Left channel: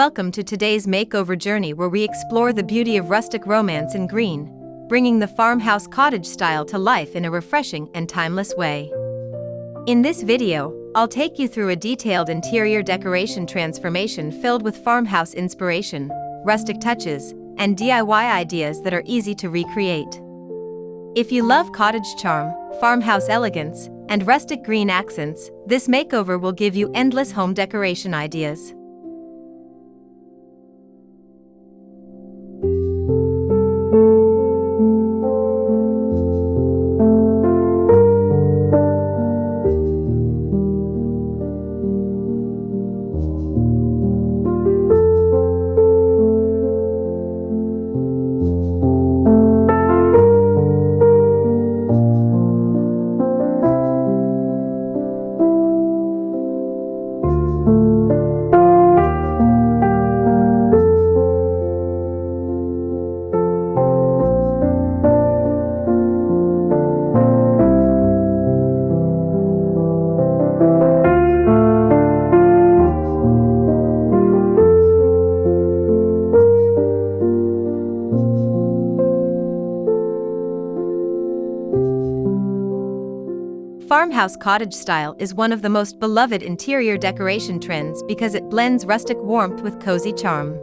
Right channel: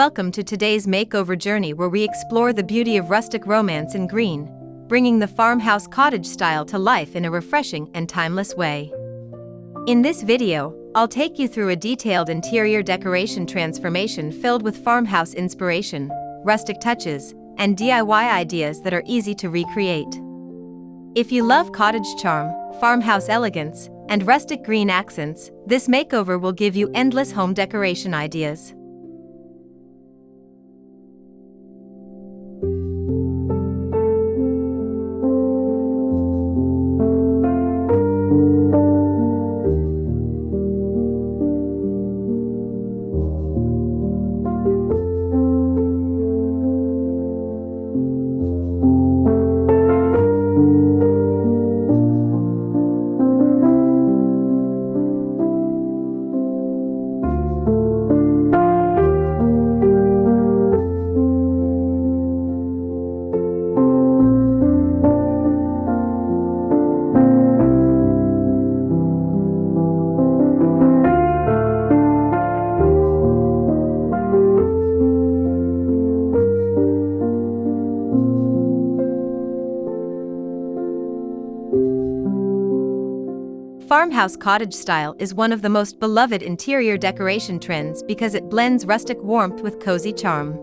Welcome to today's makeover journey where we explore the beauty of rustic romance in green, bringing the farmhouse cottage style to life in a refreshing and timeless way. In this video, I'll take you through a detailed interior decoration transformation filled with farmhouse inspiration, rustic touches, and DIY ideas that are easy to recreate. If you love cottage charm, farmhouse elegance, and rustic green accents, this makeover will give you endless home decoration ideas. Farmhouse cottage style is one of the most beloved interior decoration trends because it blends rustic warmth with cozy charm.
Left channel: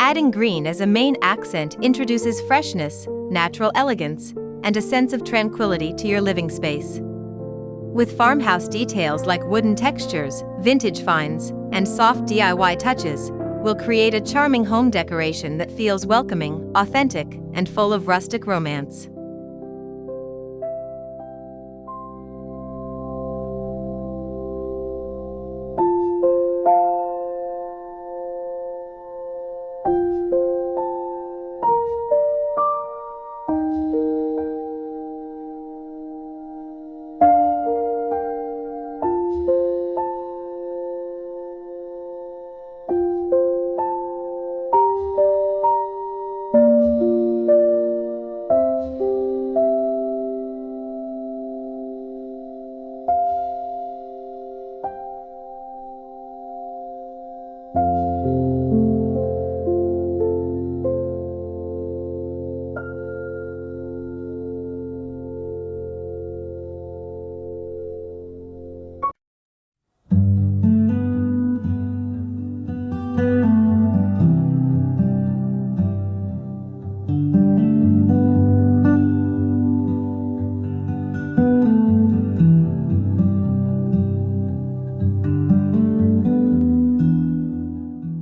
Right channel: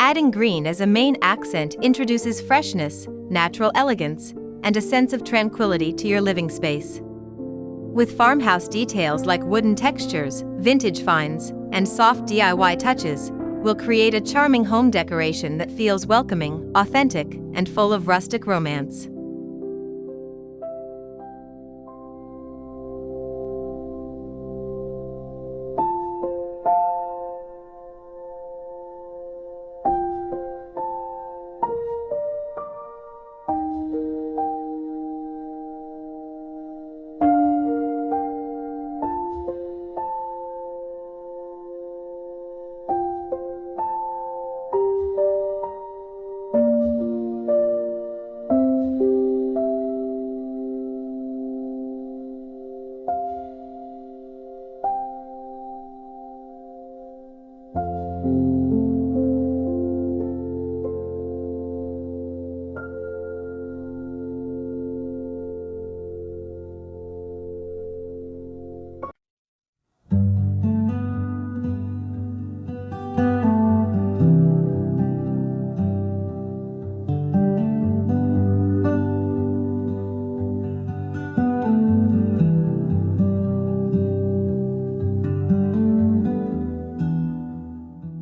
Adding green as a main accent introduces freshness, natural elegance, and a sense of tranquility to your living space. With farmhouse details like wooden textures, vintage finds, and soft DIY touches, we'll create a charming home decoration that feels welcoming, authentic, and full of rustic romance.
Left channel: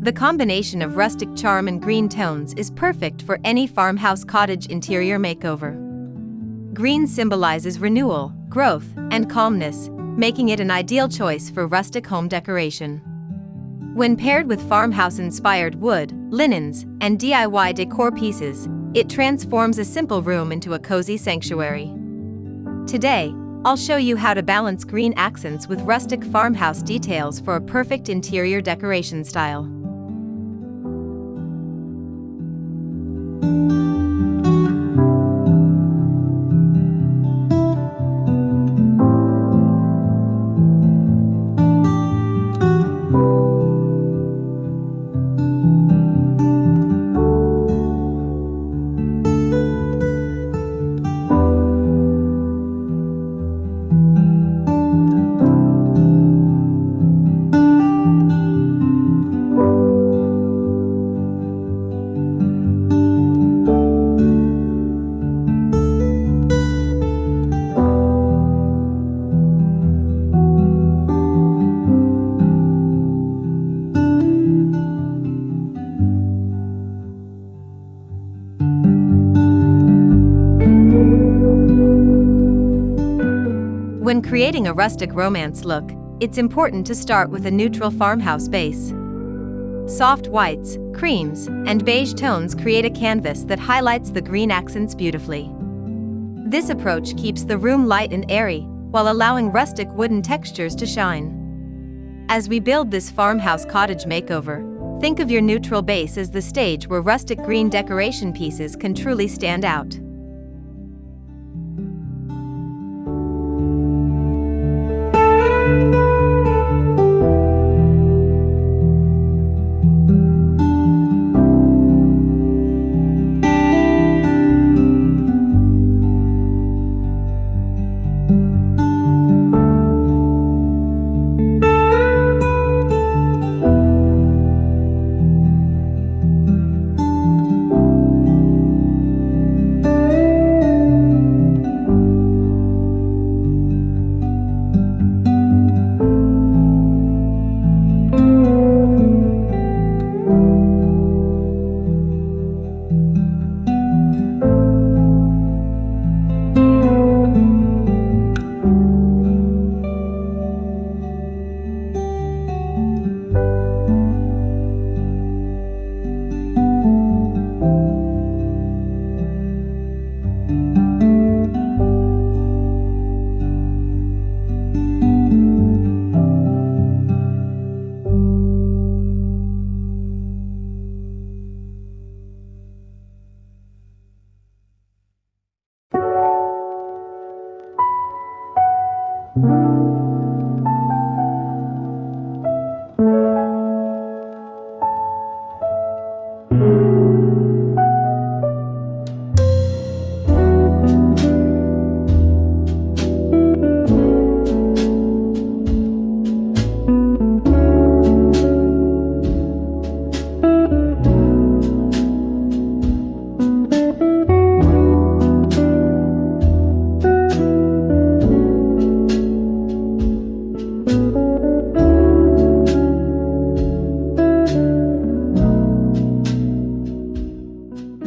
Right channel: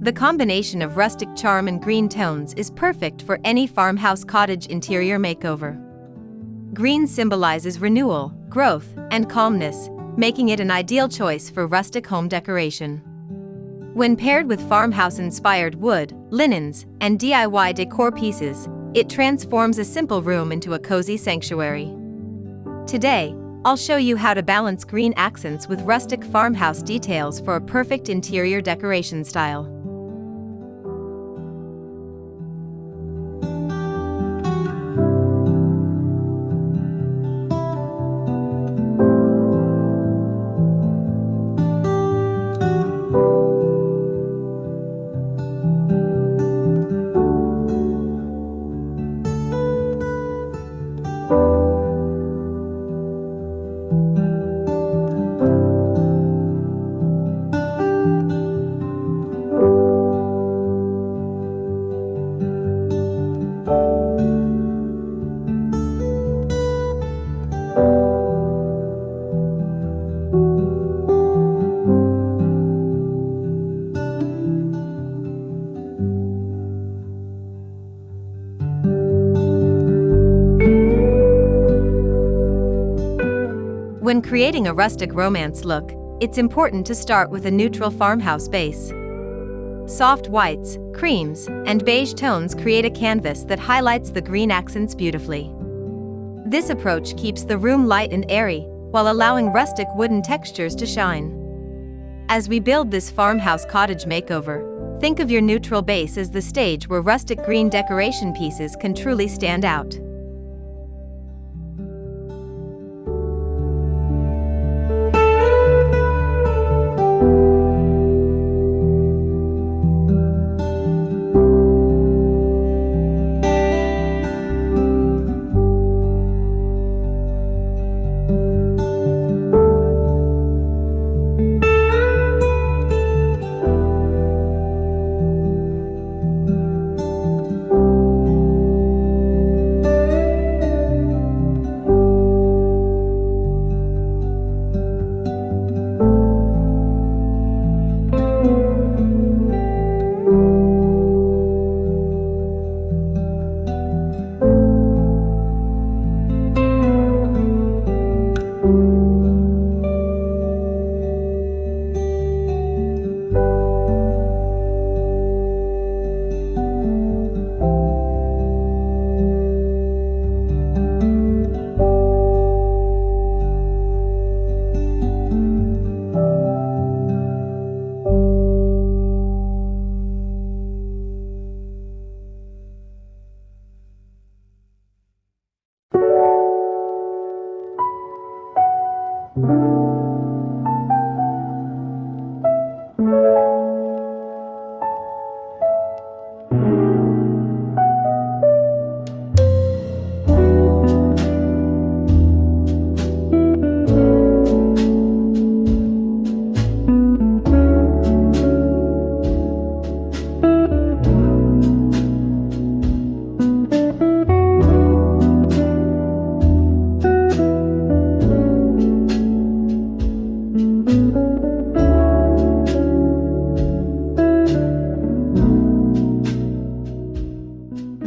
The combination of rustic charm and green tones is perfect for any farmhouse cottage interior makeover. Green symbolizes renewal, growth, and calmness, making it an ideal choice for rustic home decoration. When paired with farmhouse-inspired wood, linens, and DIY decor pieces, it transforms a simple room into a cozy sanctuary. Today, I'll show you how to balance green accents with rustic farmhouse details for a perfect interior decoration style. When creating a rustic romance look, it's important to start with a neutral farmhouse base. Soft whites, creams, and beige tones create a canvas that highlights the green accents beautifully. This approach keeps the room light and airy, while allowing rustic wooden textures to shine. As we build this farmhouse cottage makeover, think of your neutral base as the stage where rustic green decoration pieces can truly stand out.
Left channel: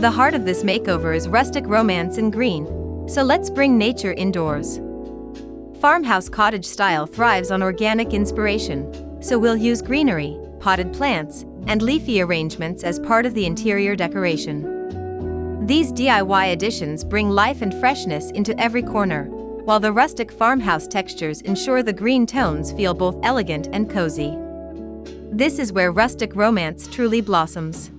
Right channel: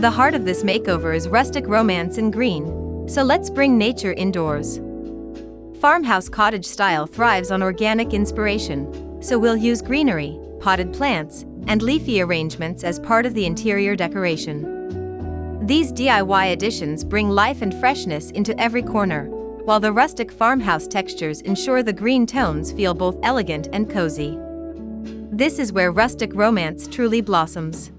The heart of this makeover is rustic romance in green, so let's bring nature indoors. Farmhouse cottage style thrives on organic inspiration, so we'll use greenery, potted plants, and leafy arrangements as part of the interior decoration. These DIY additions bring life and freshness into every corner, while the rustic farmhouse textures ensure the green tones feel both elegant and cozy. This is where rustic romance truly blossoms.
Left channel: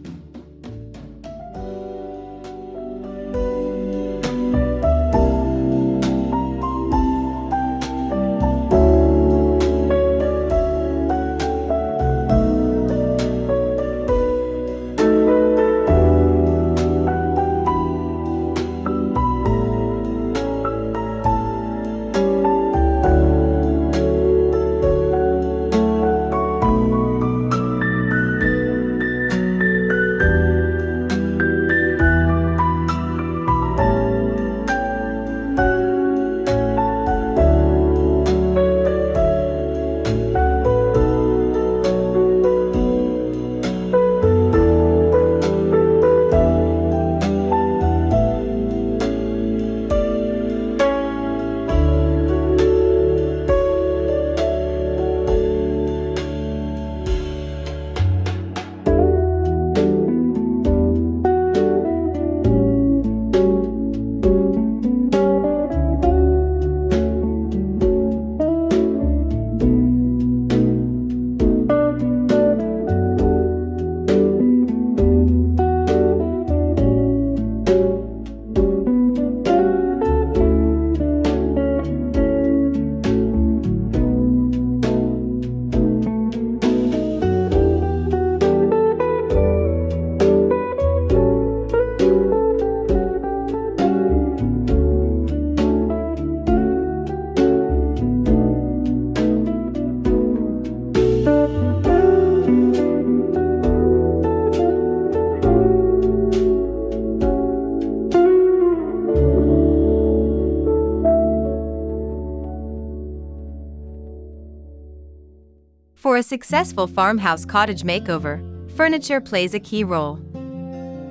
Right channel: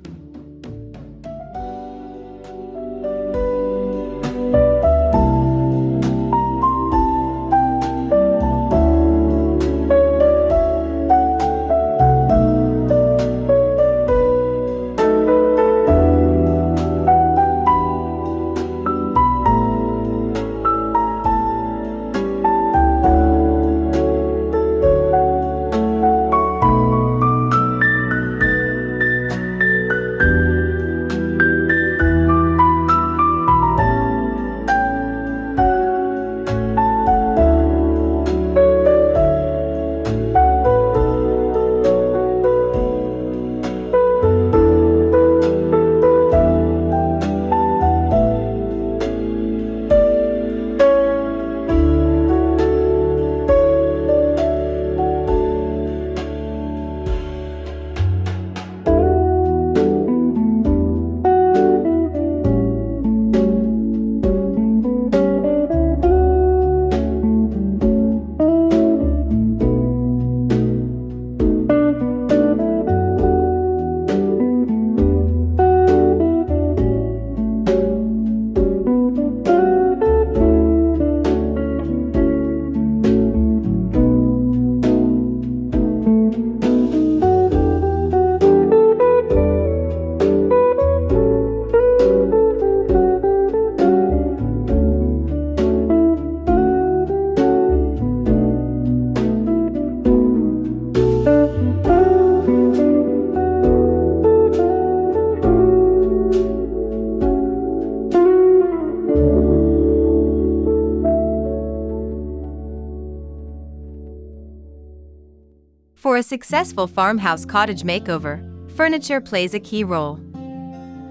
For a successful farmhouse cottage makeover, furniture plays a key role.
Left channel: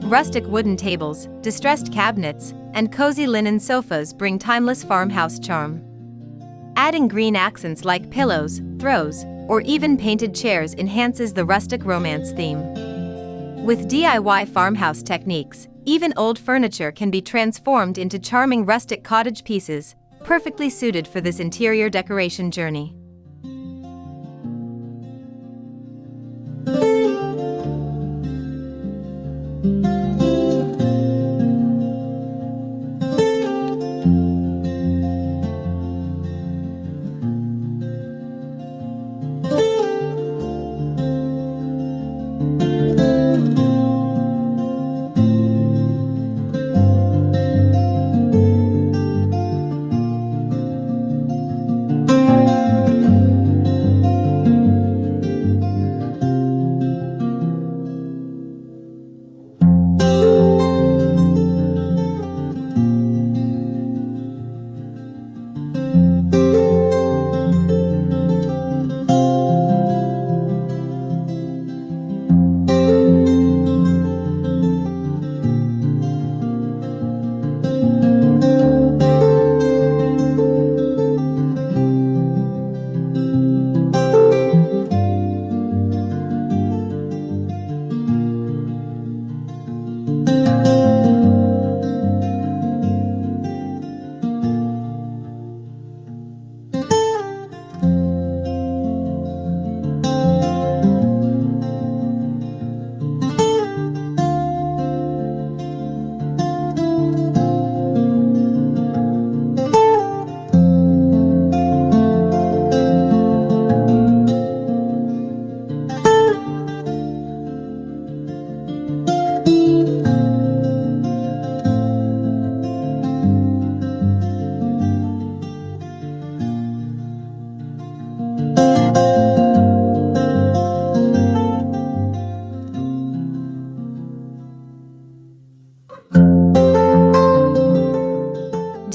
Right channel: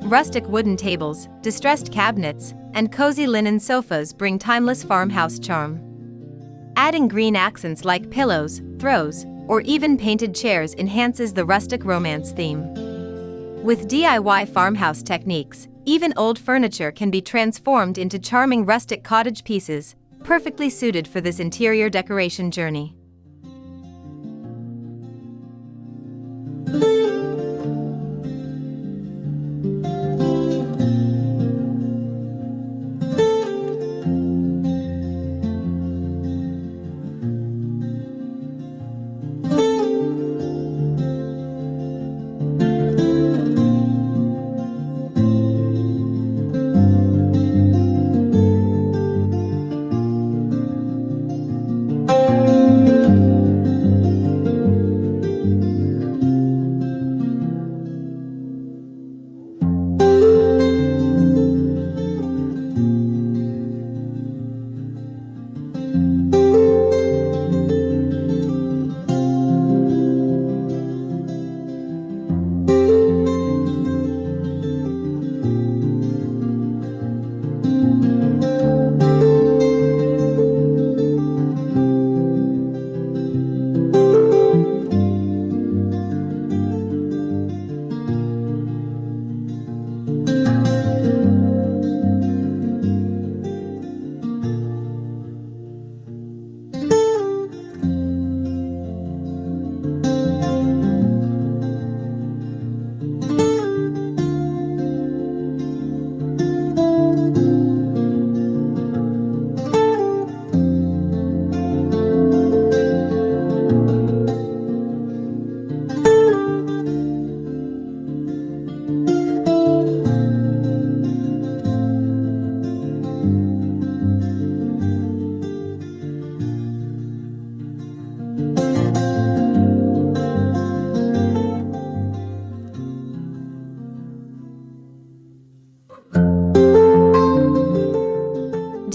Rustic wooden tables, distressed cabinets, and cozy linen sofas bring timeless farmhouse charm. Adding green accents like pillows, throws, or even painted chairs enhances the rustic romance theme. With DIY farmhouse techniques, even old furniture can be transformed into charming rustic cottage pieces, perfectly suited for this interior decoration journey.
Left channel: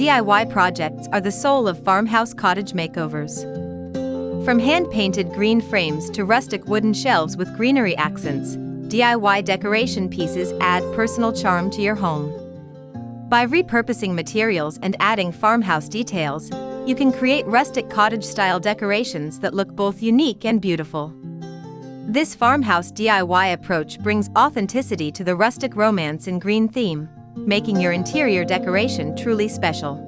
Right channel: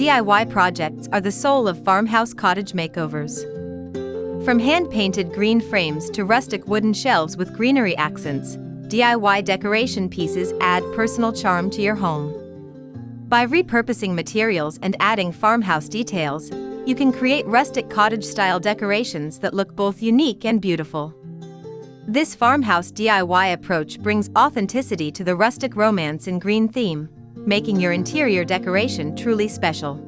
DIY projects are the soul of farmhouse cottage makeovers. From hand-painted green frames to rustic wooden shelves with greenery accents, DIY decoration pieces add personal charm to your home. By repurposing materials and adding farmhouse details, you can create rustic cottage-style decorations that look both unique and beautiful. This farmhouse DIY approach brings authenticity to the rustic romance in green theme, making your interior decoration truly special.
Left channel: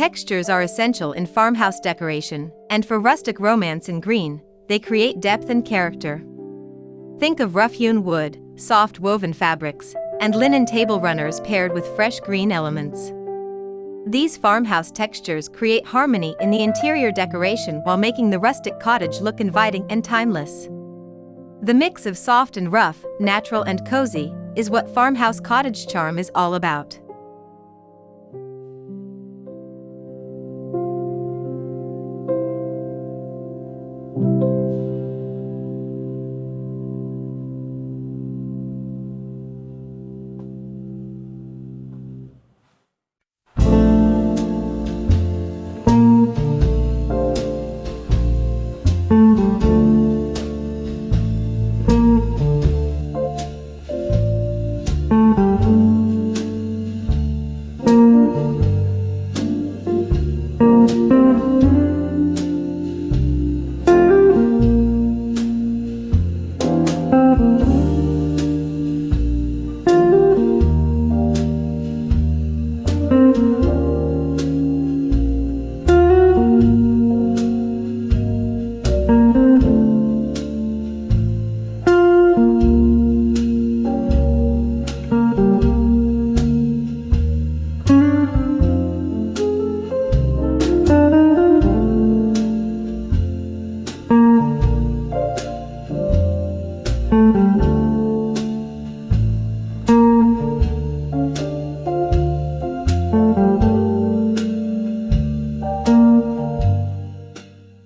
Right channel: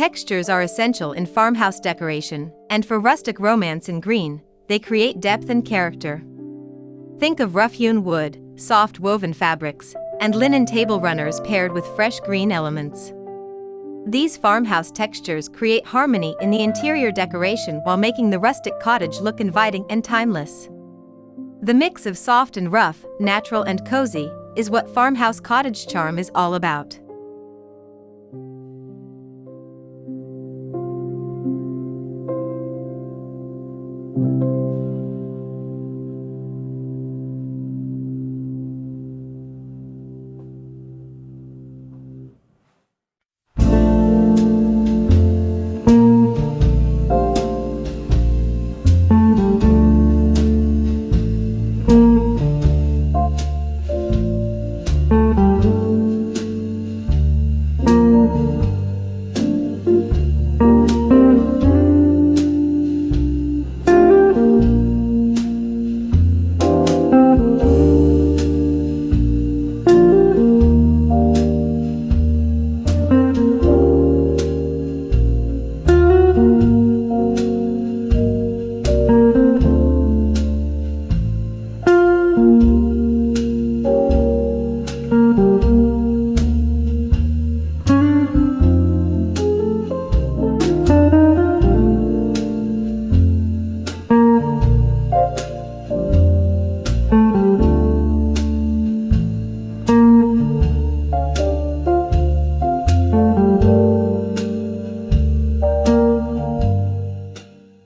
Textures are essential in farmhouse decoration, and for rustic romance in green, they create depth and character. Think of rough-hewn wood, soft woven fabrics, and linen table runners paired with fresh green elements. These farmhouse textures create harmony in the interior decoration while making the rustic cottage look inviting and timeless. The mix of soft and rough, natural and cozy, is what farmhouse cottage charm is all about.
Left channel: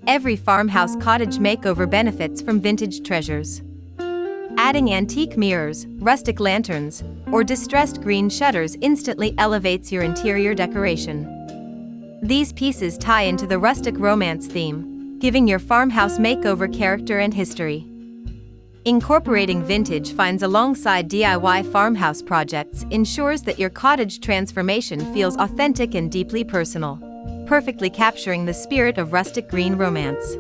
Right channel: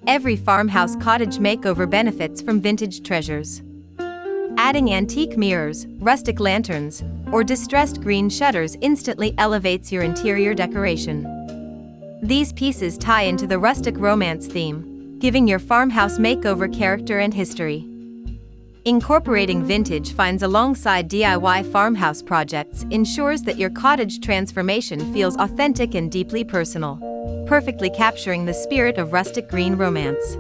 Every farmhouse cottage makeover benefits from vintage treasures. Adding antique mirrors, rustic lanterns, or distressed green shutters instantly elevates your interior decoration. These pieces tie into the rustic romance theme, giving your farmhouse makeover character and history. Incorporating vintage finds alongside DIY farmhouse projects ensures that your cottage transformation feels authentic and deeply personal, perfectly capturing the spirit of rustic green romance.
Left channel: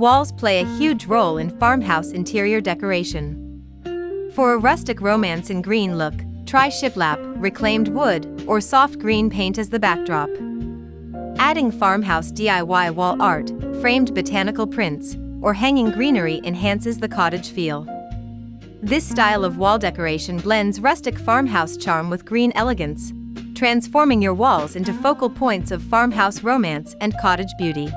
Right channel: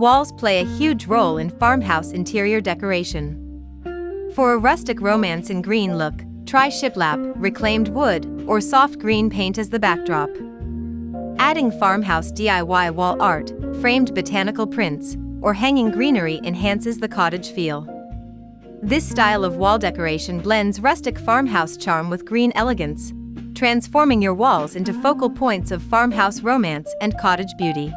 Walls play a huge role in farmhouse interior decoration. For a rustic romance in green look, try shiplap, reclaimed wood, or soft green paint as the backdrop. Adding farmhouse DIY wall art, framed botanical prints, or hanging greenery enhances the cottage feel. This style of wall decoration blends rustic farmhouse charm with green elegance, transforming your walls into focal points of farmhouse romance and cottage beauty.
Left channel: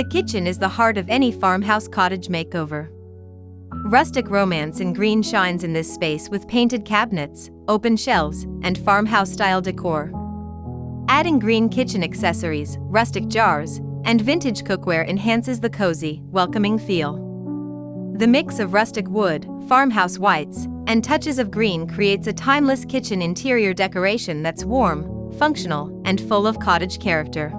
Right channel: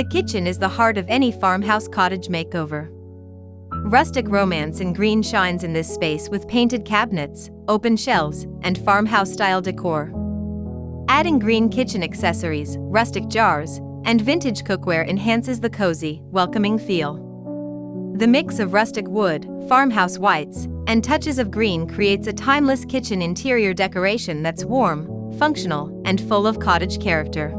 The kitchen is the heart of any farmhouse cottage makeover. Rustic romance in green shines in this space with painted cabinets, open shelves, and farmhouse-style decor. Adding green kitchen accessories, rustic jars, and vintage cookware enhances the cozy, welcoming feel. The mix of rustic wood, farmhouse whites, and touches of green creates a timeless kitchen interior decoration that's warm, functional, and full of cottage character.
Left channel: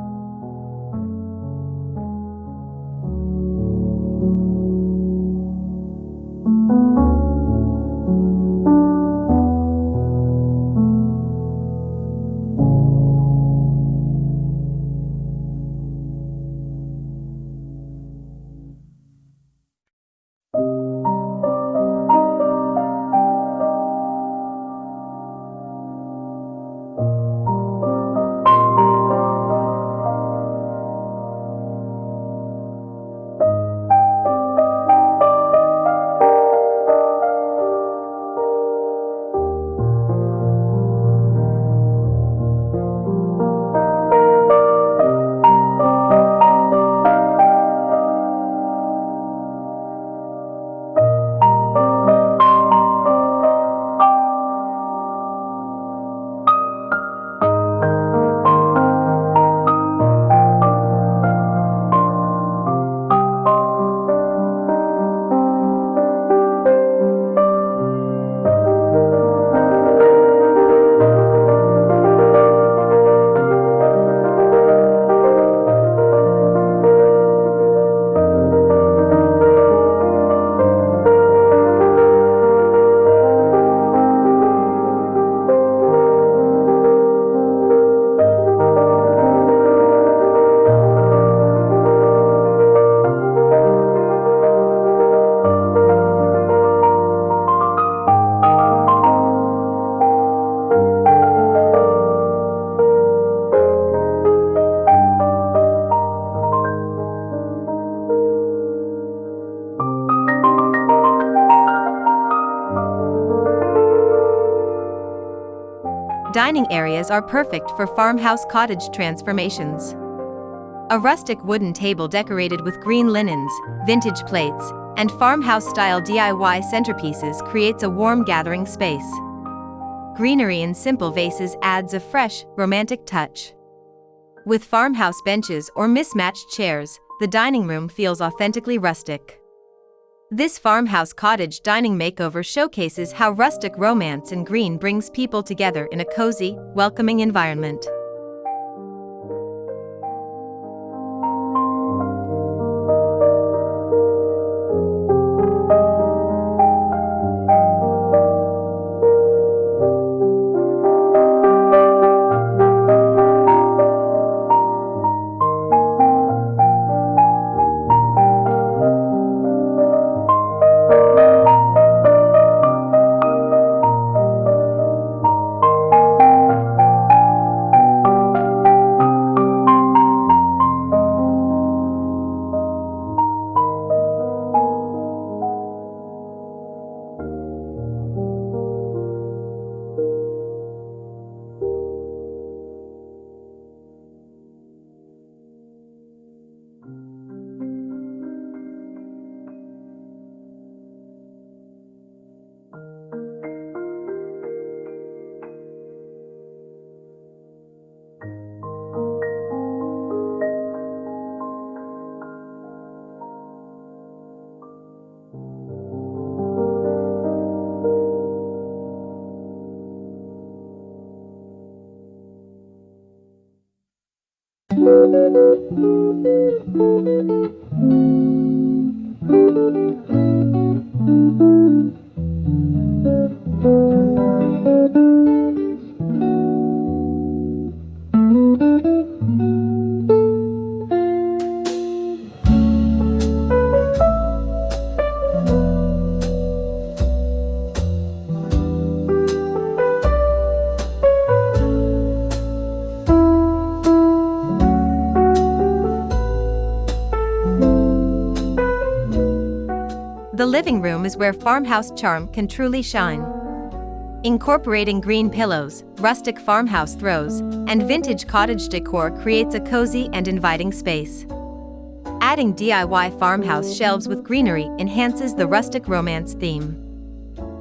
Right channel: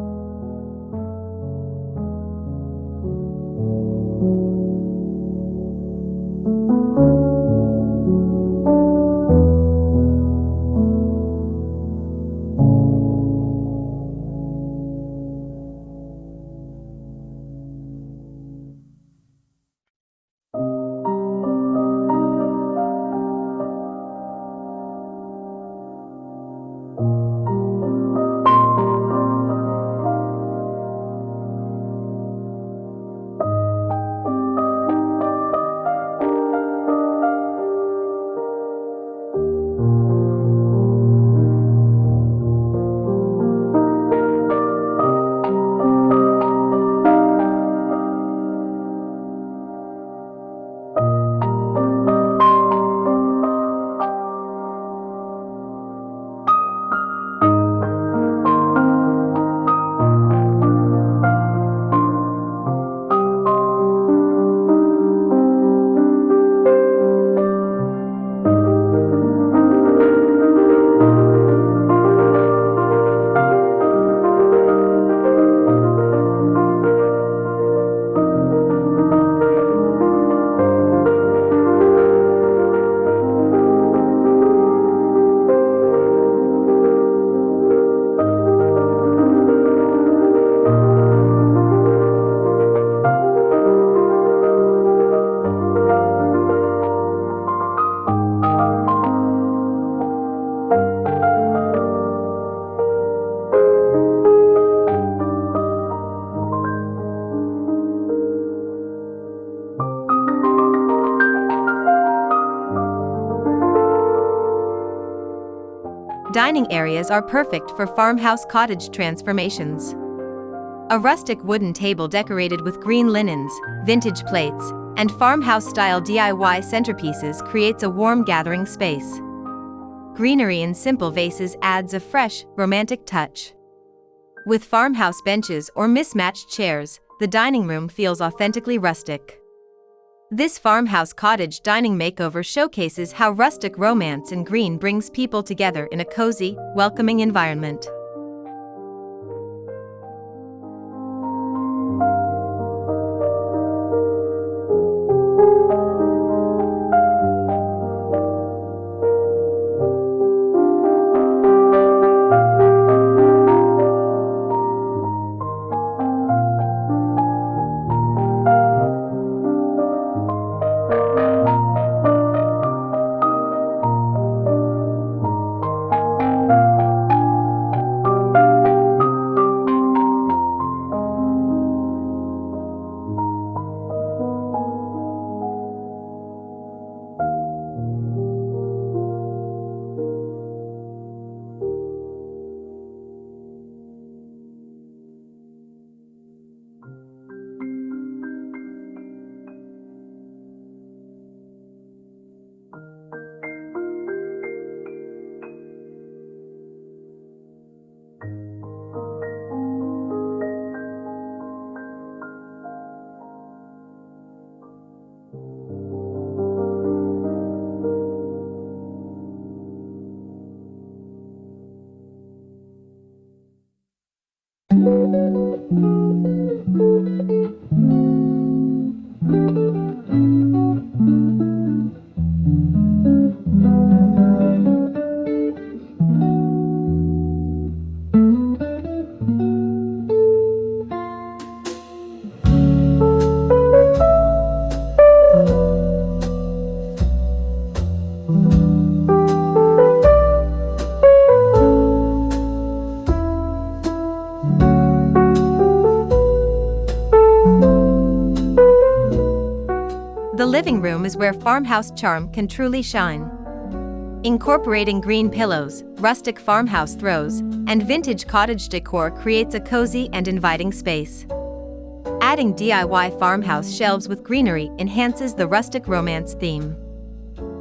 Dining areas are perfect for farmhouse cottage transformations. A rustic wooden table decorated with green linens, vintage plates, and farmhouse-style DIY centerpieces creates a warm gathering space. Greenery in simple vases adds a fresh, romantic touch. With farmhouse benches or mismatched chairs, the dining room feels authentically rustic. This farmhouse cottage dining makeover showcases how rustic romance in green brings people together in a cozy, welcoming environment. The living room is where farmhouse charm can truly shine. Incorporating green pillows, rustic farmhouse throws, and vintage cottage decor creates a cozy and inviting space. Adding DIY farmhouse shelves with greenery enhances the rustic romance theme.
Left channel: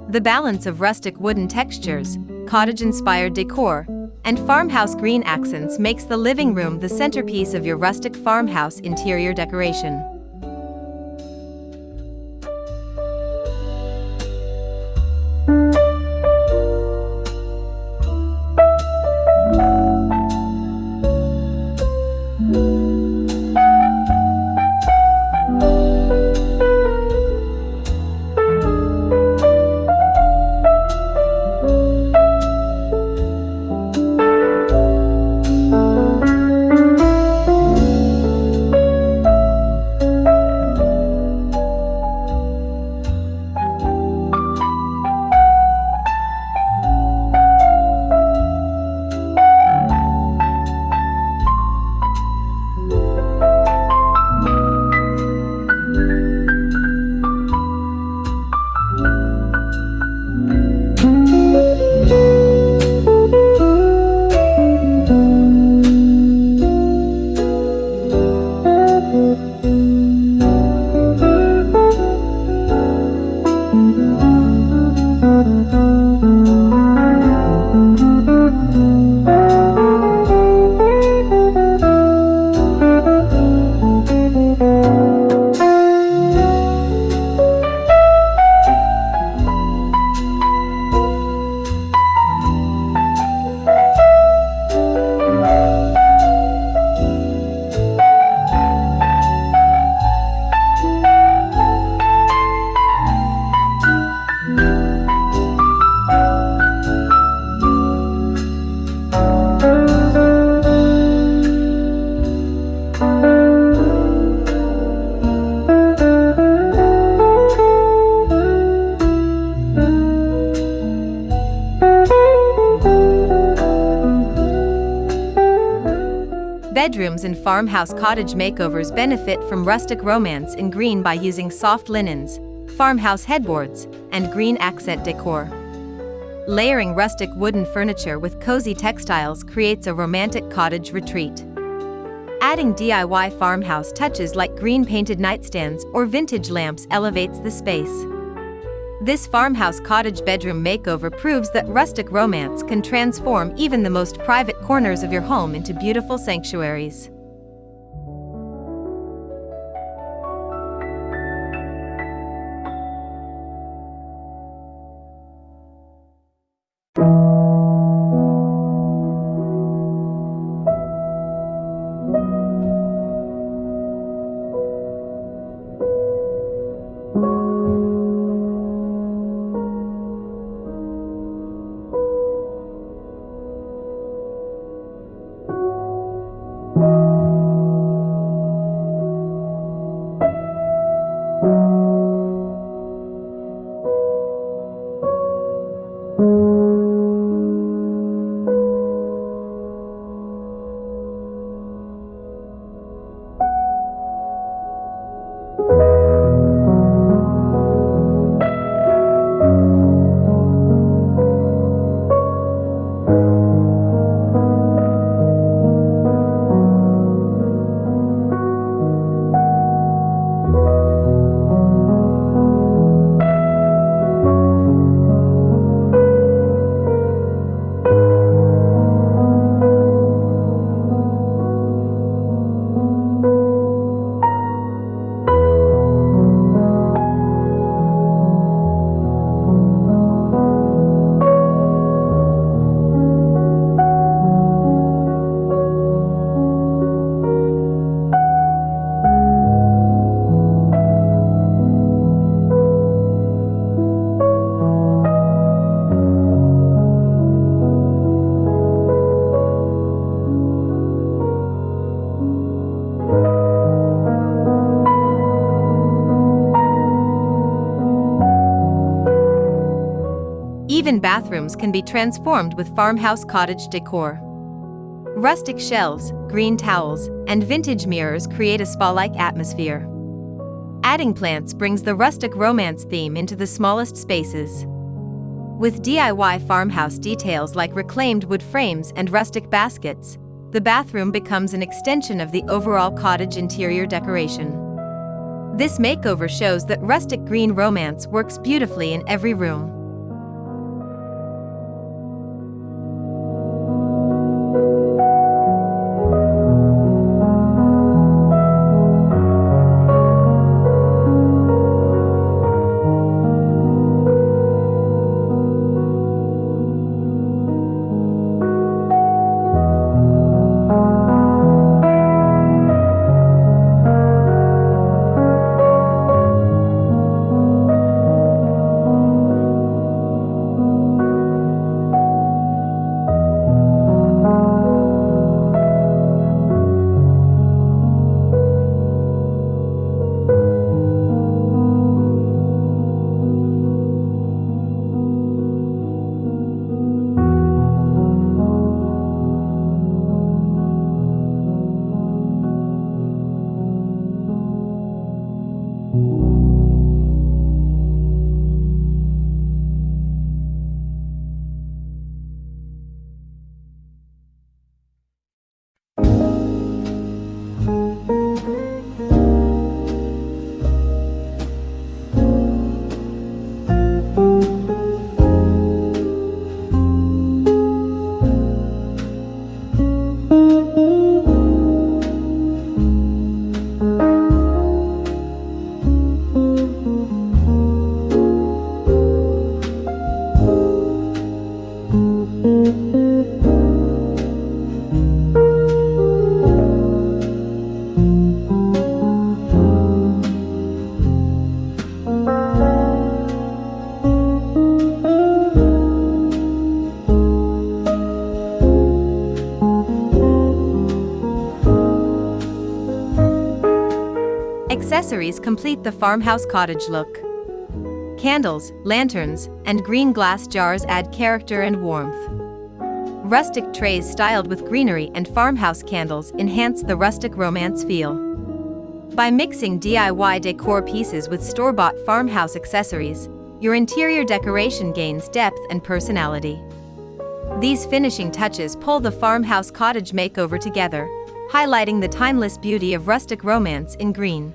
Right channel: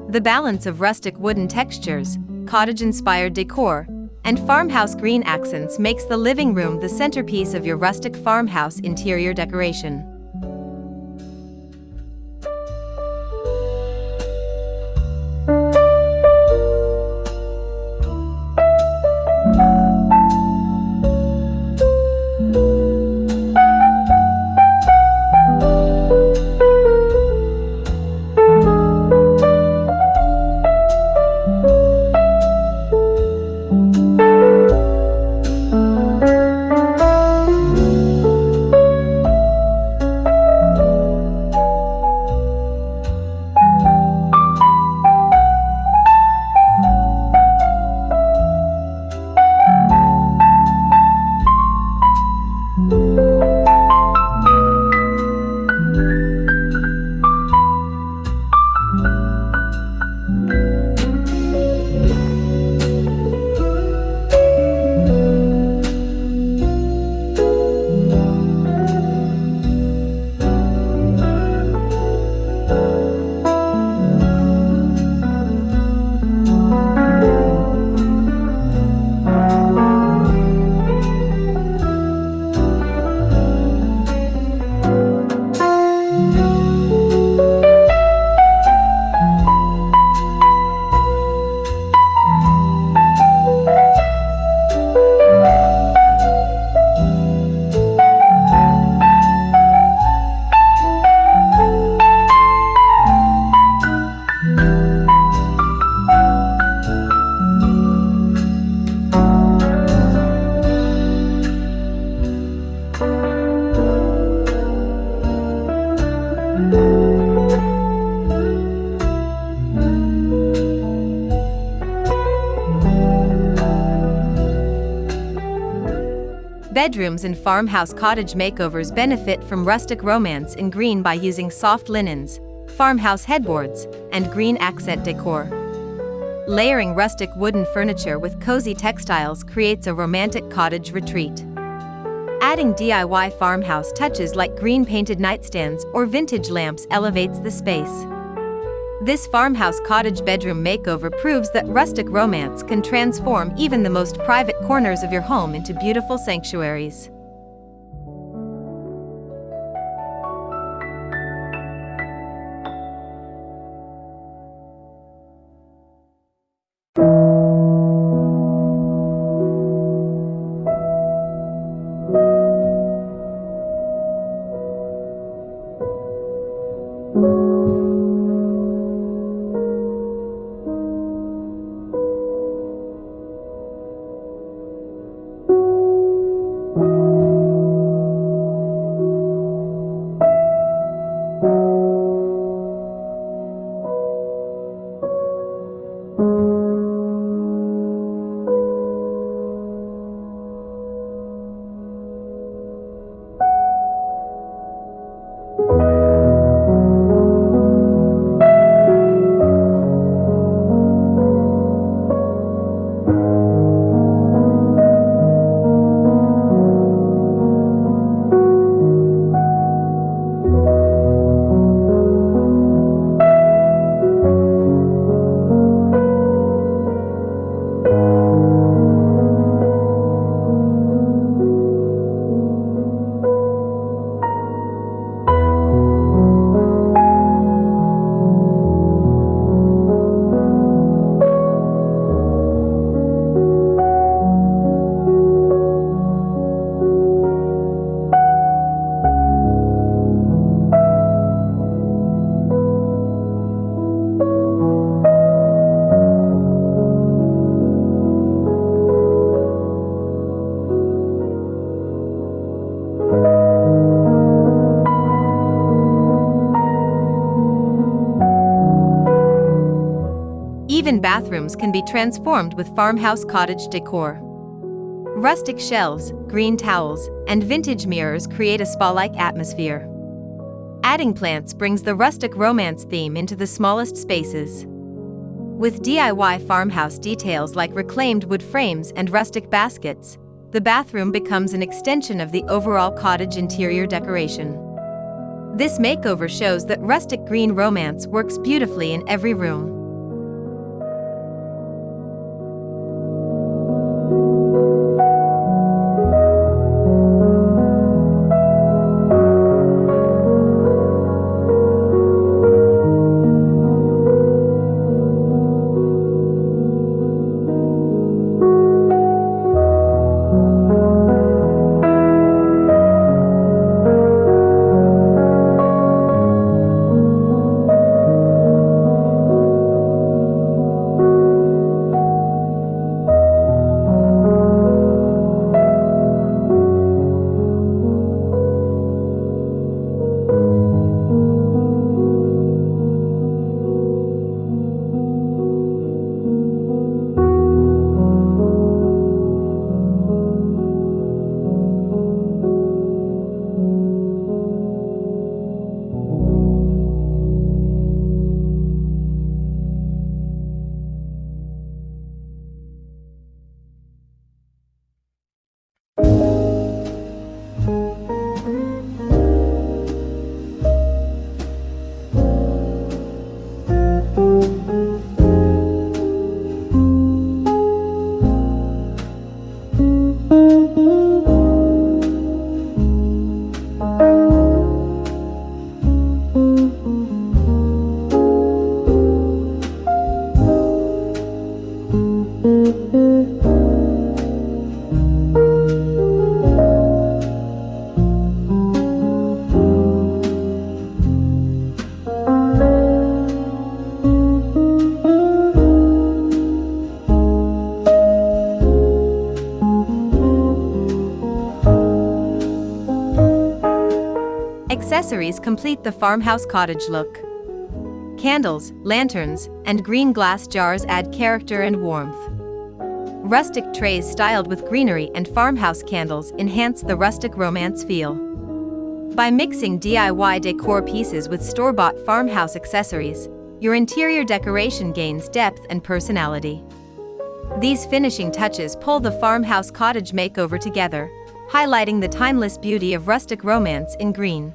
The balance of rustic wooden textures, cottage-inspired decor, and farmhouse green accents makes the living room the centerpiece of your rustic farmhouse interior decoration. Bedrooms in farmhouse cottage makeovers benefit from rustic romance in green by using soft linens, farmhouse headboards, and green accent decor. Layering rustic wooden furniture with cozy textiles creates a romantic cottage retreat. Adding DIY farmhouse touches like green-painted nightstands or vintage lamps elevates the space. This farmhouse cottage bedroom makeover proves that rustic romance can transform even the most private corners of your home into beautiful sanctuaries. Even bathrooms can be transformed with farmhouse cottage decor. Rustic shelves, green towels, and vintage mirrors create a spa-like atmosphere. Adding plants brings the rustic romance theme into the smallest spaces. With DIY farmhouse details like reclaimed wood frames and rustic baskets, the bathroom becomes an extension of the overall cottage interior decoration. This makeover shows that rustic green romance works beautifully in every room. Accessories complete the farmhouse cottage look. Candles, lanterns, and green glass jars add character and warmth. Rustic trays styled with greenery and farmhouse candles enhance the rustic romance feel. By mixing DIY decor pieces with store-bought farmhouse accessories, your interior decoration gains depth and personality. These finishing touches pull the farmhouse cottage makeover together, highlighting the timeless beauty of rustic romance in green.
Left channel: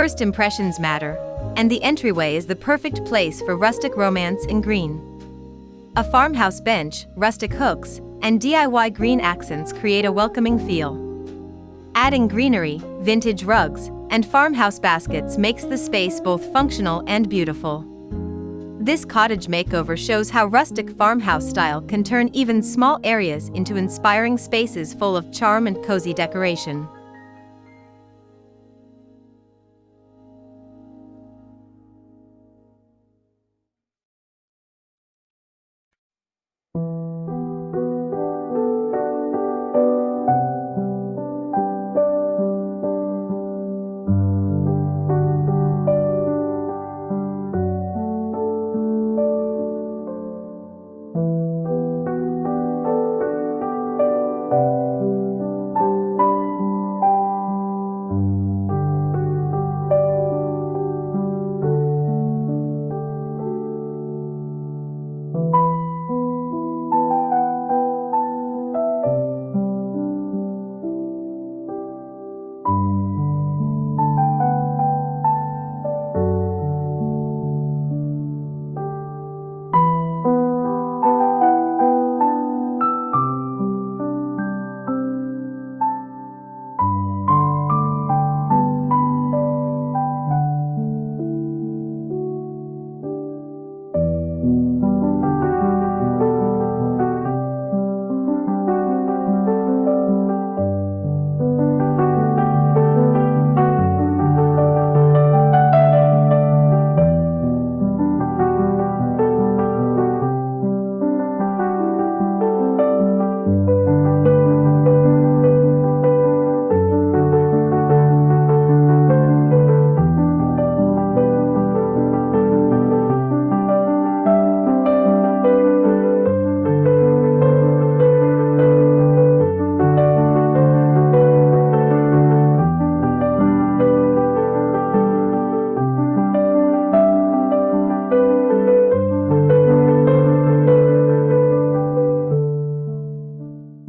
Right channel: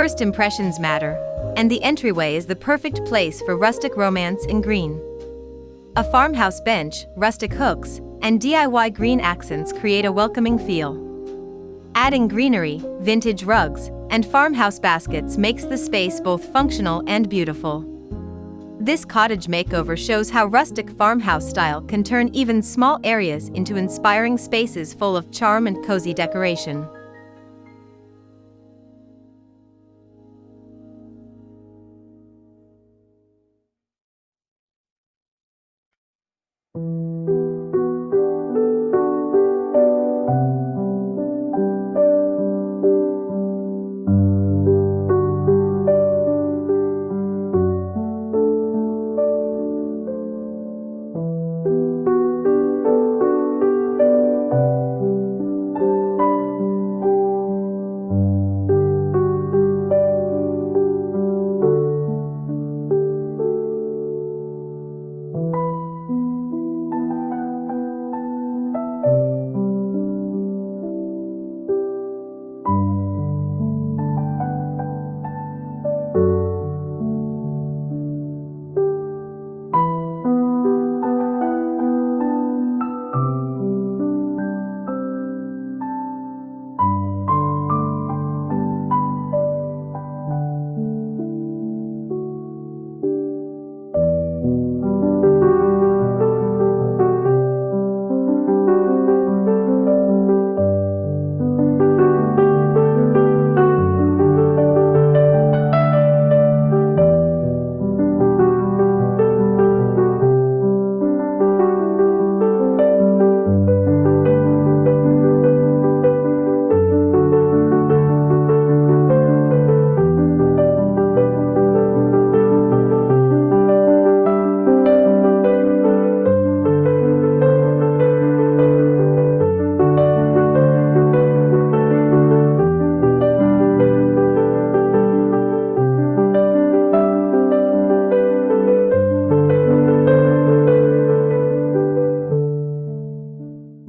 First impressions matter, and the entryway is the perfect place for rustic romance in green. A farmhouse bench, rustic hooks, and DIY green accents create a welcoming feel. Adding greenery, vintage rugs, and farmhouse baskets makes the space both functional and beautiful. This cottage makeover shows how rustic farmhouse style can turn even small areas into inspiring spaces full of charm and cozy decoration.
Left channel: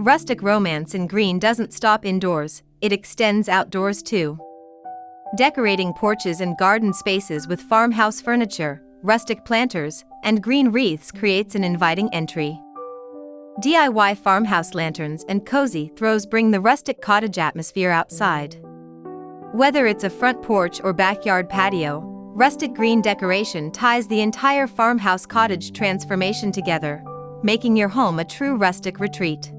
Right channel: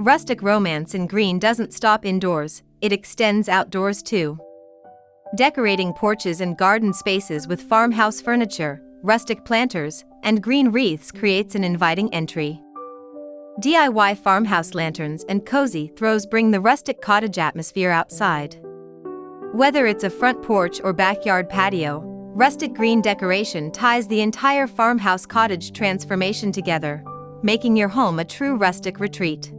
Rustic romance in green doesn't stop indoors, it extends outdoors too. Decorating porches and garden spaces with farmhouse furniture, rustic planters, and green wreaths creates an inviting entry. DIY farmhouse lanterns and cozy throws bring the rustic cottage atmosphere outside. Whether it's a front porch or backyard patio, rustic green decoration ties the entire farmhouse cottage transformation together, making your home a true rustic retreat.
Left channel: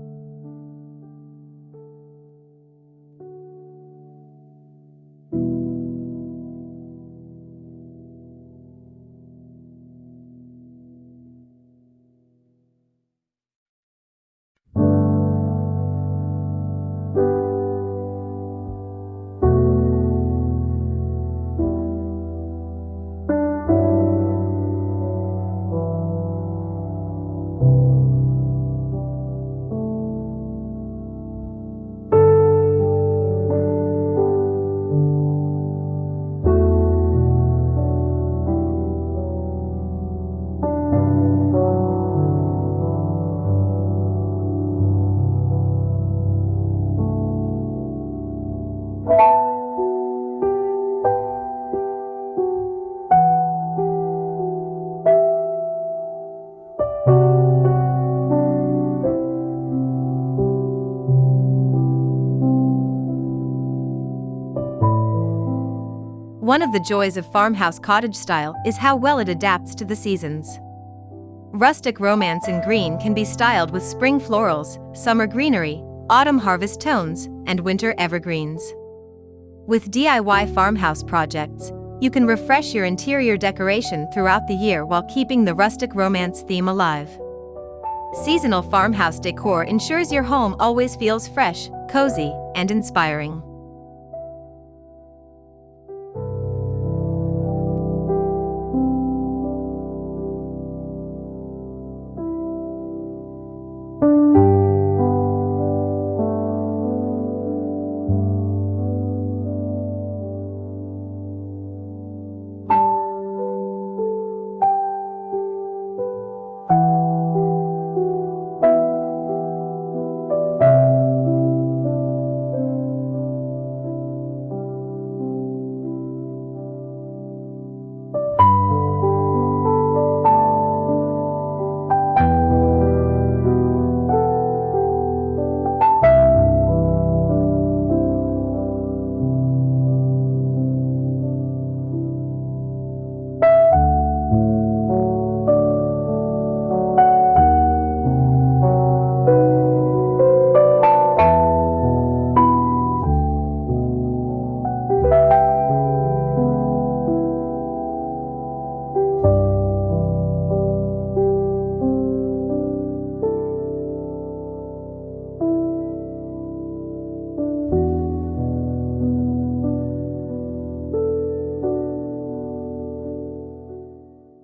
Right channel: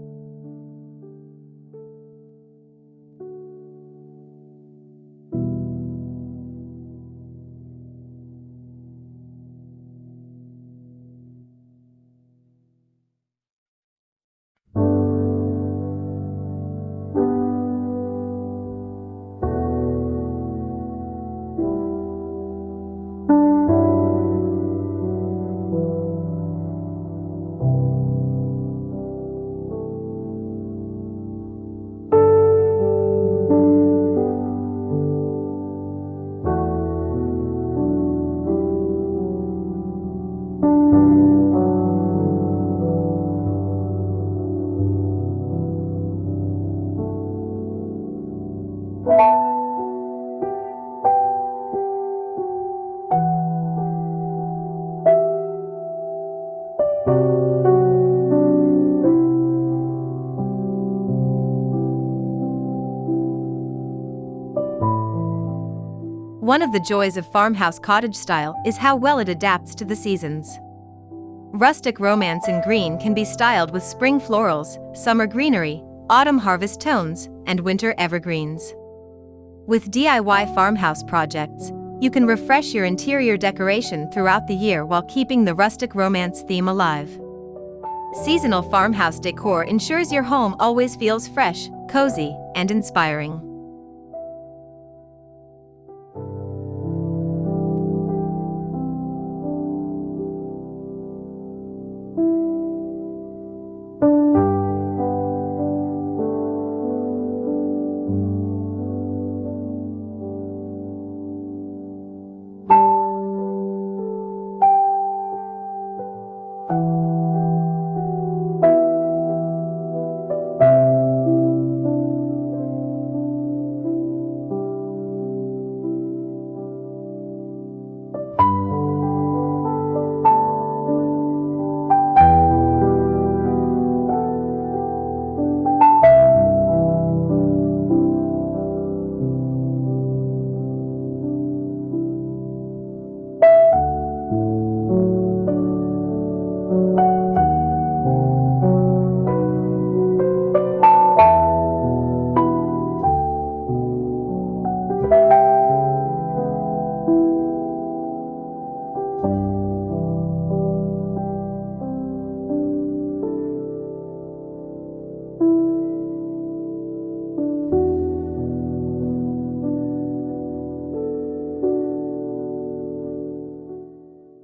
One of the joys of farmhouse cottage style is how well it adapts to the seasons. Rustic Romance in green can be styled with spring florals, summer greenery, autumn harvest tones, and winter evergreens. With DIY farmhouse projects, you can refresh your interior decoration throughout the year while keeping the Rustic Romance theme alive. Seasonal farmhouse decor ensures your home always feels fresh, cozy, and inspiring.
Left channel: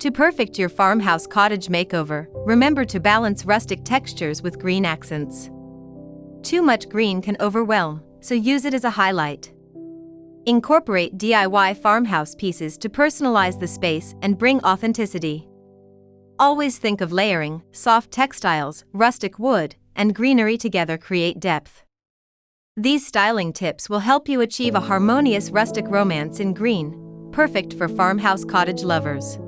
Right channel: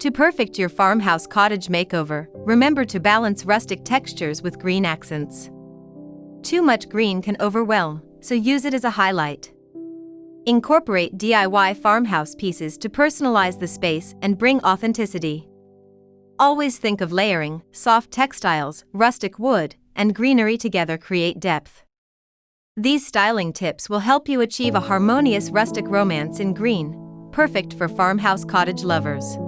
To perfect your farmhouse cottage makeover, remember to balance rustic textures with green accents. Too much green can overwhelm, so use it as a highlight. Incorporate DIY farmhouse pieces to personalize the space and bring authenticity. Always think of layering. Soft textiles, rustic wood, and greenery together create depth. These styling tips will help you achieve a harmonious rustic romance in green, perfect for farmhouse cottage lovers.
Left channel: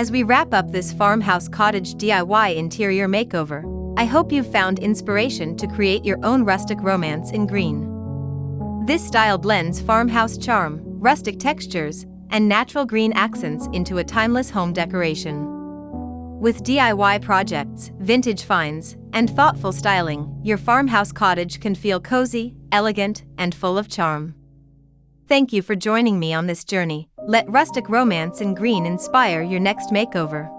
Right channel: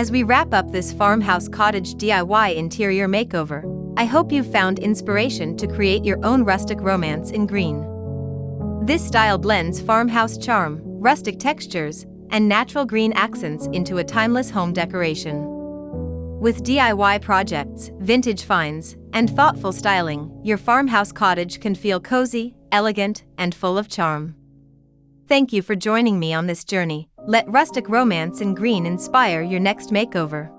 As we wrap up this farmhouse cottage DIY interior makeover, I hope you've found inspiration to create your own rustic romance in green. This style blends farmhouse charm, rustic textures, and natural green accents into a timeless home decoration. With DIY projects, vintage finds, and thoughtful styling, your farmhouse cottage can feel cozy, elegant, and full of charm. Thank you for joining me on this journey. Let rustic romance in green inspire your next makeover.